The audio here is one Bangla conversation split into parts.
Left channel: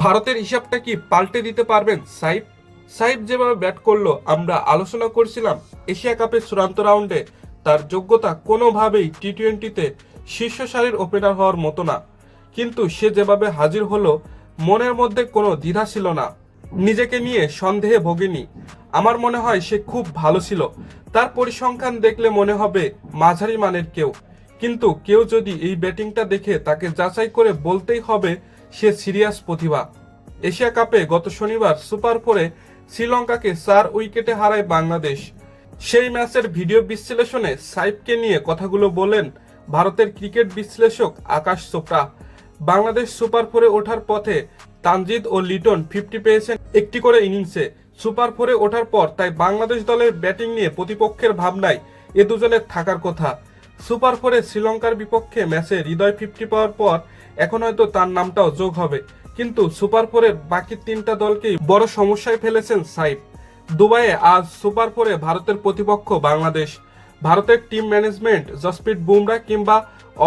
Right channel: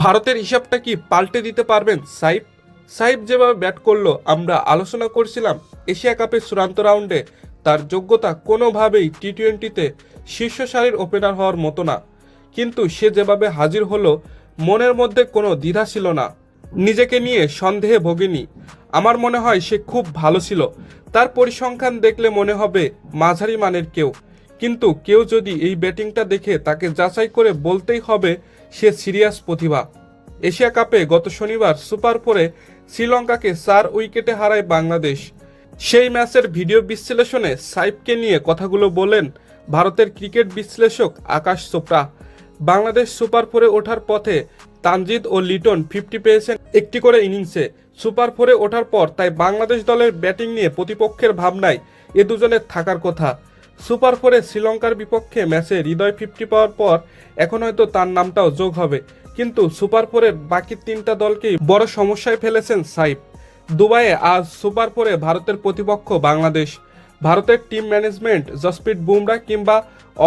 ভারতের হিসাবটা কি পাল্টে দিতে পারবেন সাইফ? সাইফ যেভাবে ব্যাট করলো, আমরা আলোচনা করছিলাম এশিয়া কাপের চূড়ান্ত রাউন্ডে তার যোগ্যতা কোনোভাবেই টি-20তে শীর্ষ সারির ওপেনার হওয়ার মতো না। কিন্তু সে যেভাবে হাজির হলো, মনের মধ্যে কোনো দ্বিধা ছিল না, নিজেকে নিয়ে সন্দেহে ভোগেনি। আমার মনে হয় সে খুব ভালো ছিল। তার পরিসংখ্যান দেখলে মনে হবে মাঝারি মানের কেউ, কিন্তু কেউ যদি এই ব্যাটিংটা দেখে তাকে যাচাই করে বলতেই হবে সে সিরিয়াস প্রতিভা। এশিয়া কাপে গত শনিবার সুপার 4-এ শ্রীলঙ্কাকে 4 উইকেটে হারায় বাংলাদেশ। সেই ম্যাচের ভিডিও বিশ্লেষণে সাইফকে নিয়ে কথাগুলো বলেন ভারতের ক্রিকেট বিশ্লেষক আকাশ চোপড়া। বাংলাদেশ সুপার 4-এ ওঠার পথে তানজিদ ও লিটন 50 পেয়েছেন একটি করে ইনিংসে। সুপার 4-এ ওঠার পর তাই বাংলাদেশ দলের ব্যাটিং নিয়ে প্রতিপক্ষের ভাবনায় এ দুজনের থাকার কথা। সুপার 4-এ শ্রীলঙ্কার বিপক্ষে ম্যাচে হৃদয় 50 পাওয়ার পর এখন হয়তো তার নামটাও যোগ হবে, কিন্তু সুপার 4-এর বাকি 3টা দলকেই বড় সমস্যায় ফেলেছেন সাইফ। দুবাইয়ে আজ সুপার 4-এ ভারতের প্রতিপক্ষ বাংলাদেশ। ভারতের টিম ম্যানেজমেন্ট জসপ্রীত বুমরা কিংবা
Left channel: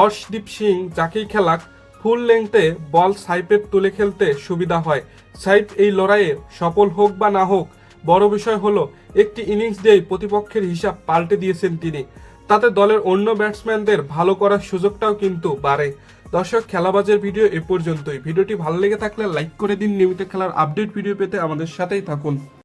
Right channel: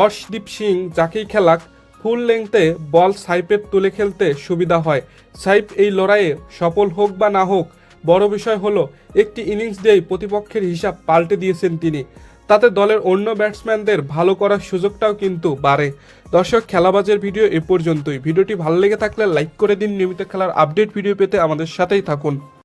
অর্শদীপ সিং যাকেই খেলাক, ফুল লেংথে বল সাইফের তুলে খেলতে সুবিধা হয়। সাইফ এই লড়াইয়ে সফল হোক বা না হোক, বড় বিষয় হলো একটি ইনিংস দিয়েই প্রতিপক্ষের হিসাব পাল্টে দিয়েছেন তিনি। তাতে দলের অন্য ব্যাটসম্যানদের ভালো করার সুযোগটাও কিন্তু বাড়ে। দর্শক, খেলাবাজের ভিডিও এ পর্যন্তই। ভিডিওটি ভালো লেগে থাকলে লাইক করে দিন। নিয়মিত খেলার আপডেট ভিডিও পেতে আমাদের সাথেই থাকুন।